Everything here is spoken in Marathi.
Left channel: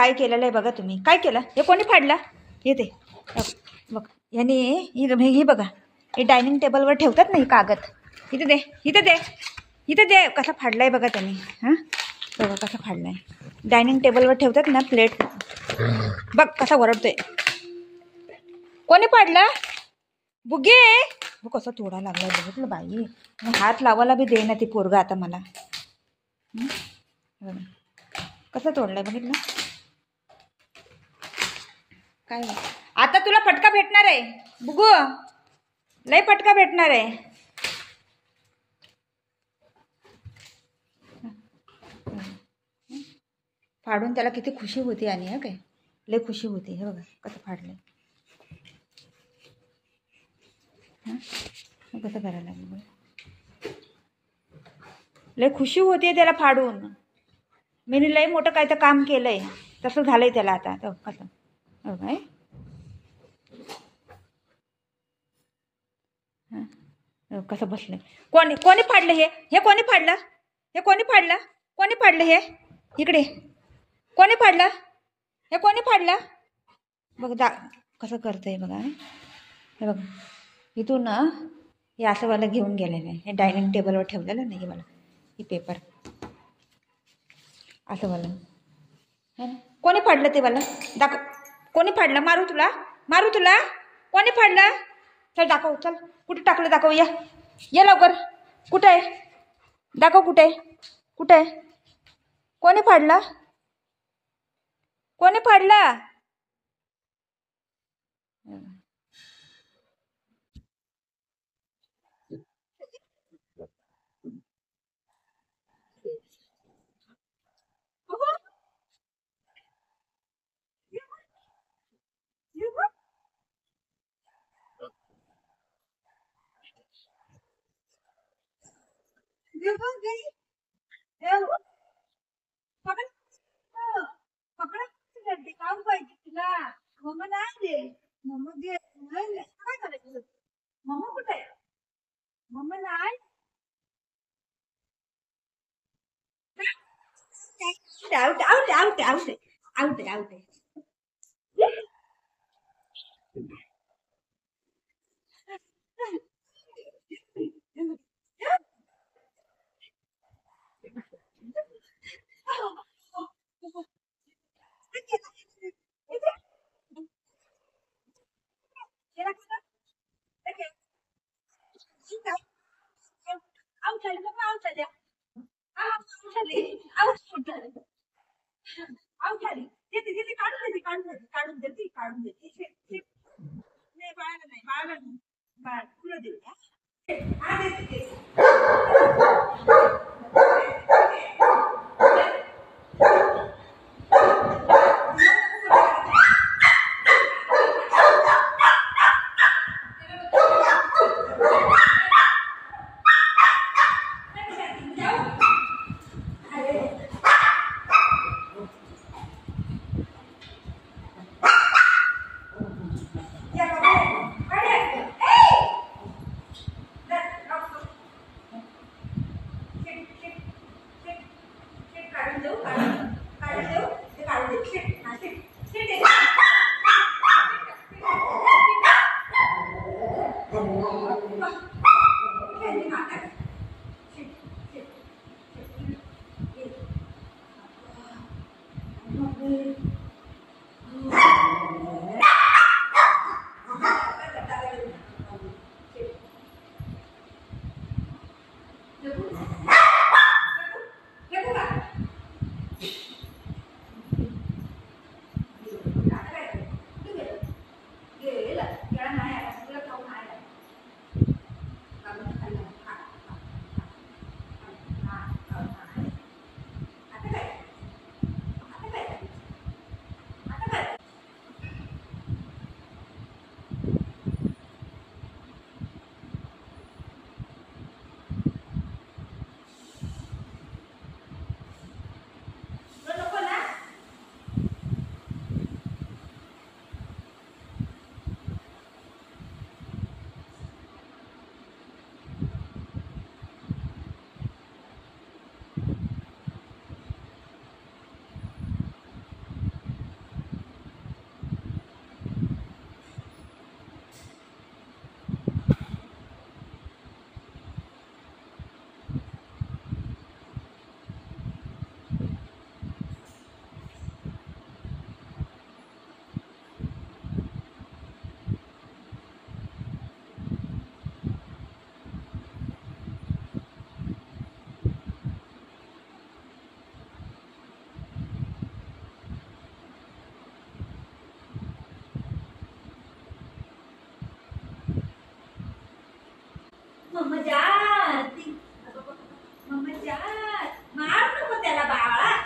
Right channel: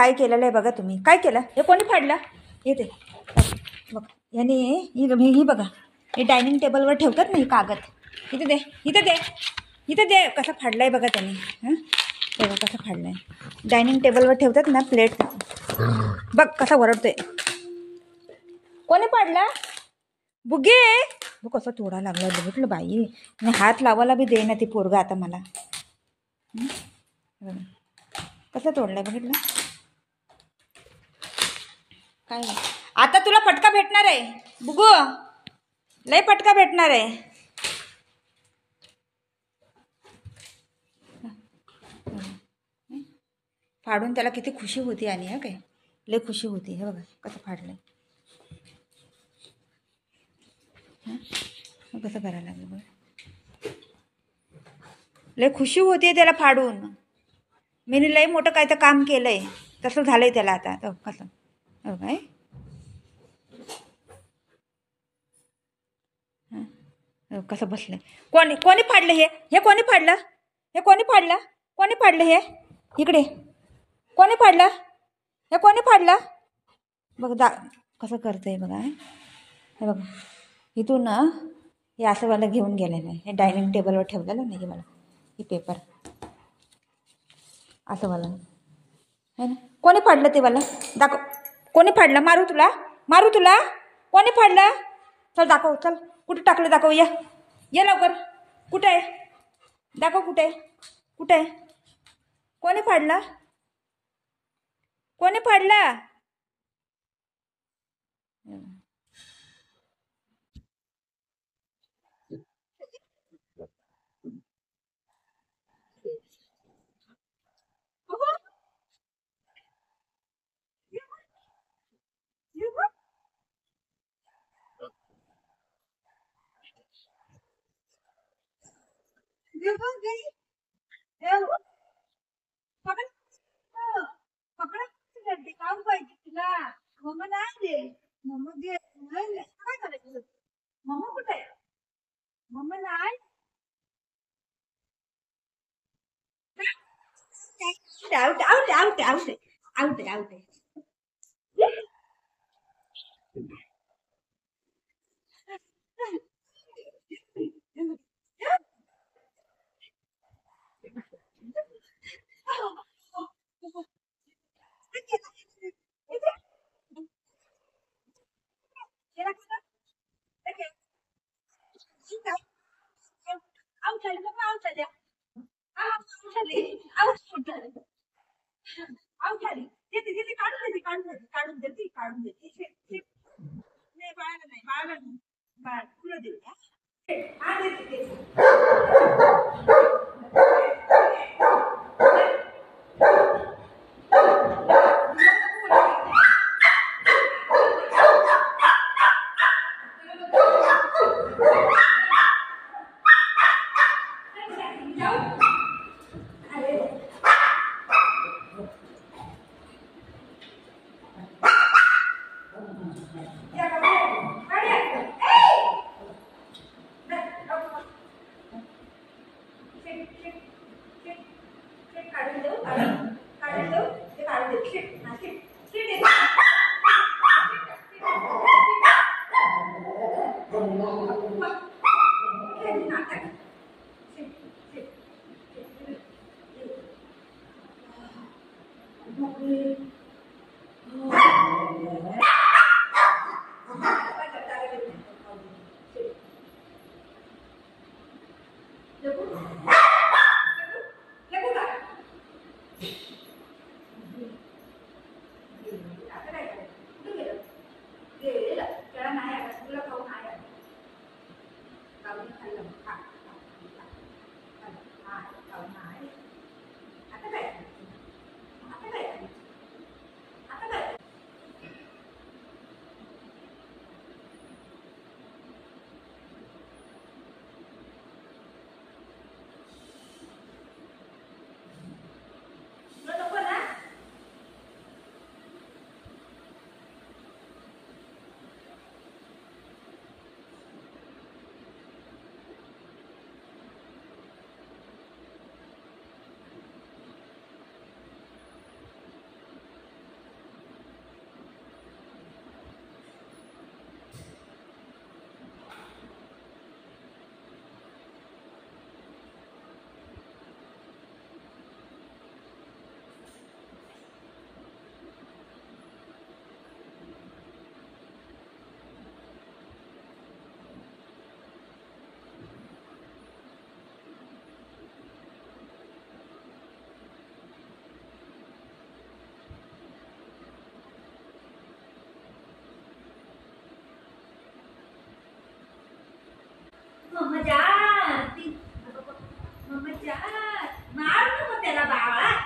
काय केलेलं आहे बघा तुम्ही. काय केलं हे? कोणी फाडलं हे? ते बघ याने ही बघा, हे डायनिंग टेबलवर ठेवतात ना ही कागद. इथे दे, इथे दे, इथे दे. कसा फाडलाय बघा त्यांनी. हां बघा कसा फाडलाय. डायनिंग टेबलवर ठेवतात ना प्लेट. बघ कसा वरडतोय. कोणी फाडला? बुगे बघ कसं तोडा लागलाय. बघितलं बाई, आणि हात लावायला बी दे ना ती पोरगा आता मला. कसं तोडलाय बघितलं. काय आता तुला फटका भेटणार आहे बुगू, लय फटका भेटणार आहे. फाडून त्याला किती खुशी होती. आणि हा काय लय खुशी होती. हे बघा कसं फाडलंय. कसं करायला लागलं बघा. लय खुशी होती त्याला फाडून. मी लय मोठं काय तर काम केलंय तसं झालंय त्याला आता. कसं काय कसं बसलंय. कोणी फाडलं हे? हे कोणी फाडलं? हे कोणी फाडलं? कोणी फाडलं हे? इकडे कोणी फाडलं हे? कोणी फाडलं बघ कसं करतंय बघा. हे बघा इथून ना हे असं मला घेऊन गेलेलं आहे. हे डायनिंग टेबलवर ठेवलेलं नाही मला ही पेपर असं वाला है ना. कोणी फाडलं ते मला दाखव. कोणी फाडलं? मारू तुला, मारू तुला. कोणी फाडलं? चल दाखव. चल कुठे टाकलं दाखव. या लवकर. कुठं आहे दाखव. कुठे आहे? कुठं आहे? कोणी फाडलं? कोणी फाडलं? काम पाहिजे तुला. मम्मा नाही दे. मम्मा दे. काय करायचं? मम्मा कुठे आहे? मम्मा नाही. Out out out out out out. काढून देते. नाही बाळाला नाही, बाळाला नाही. बाळ तुला देते. हा देते. मम्मा जाती, मम्मा जात, मार नको त्याला बाळा.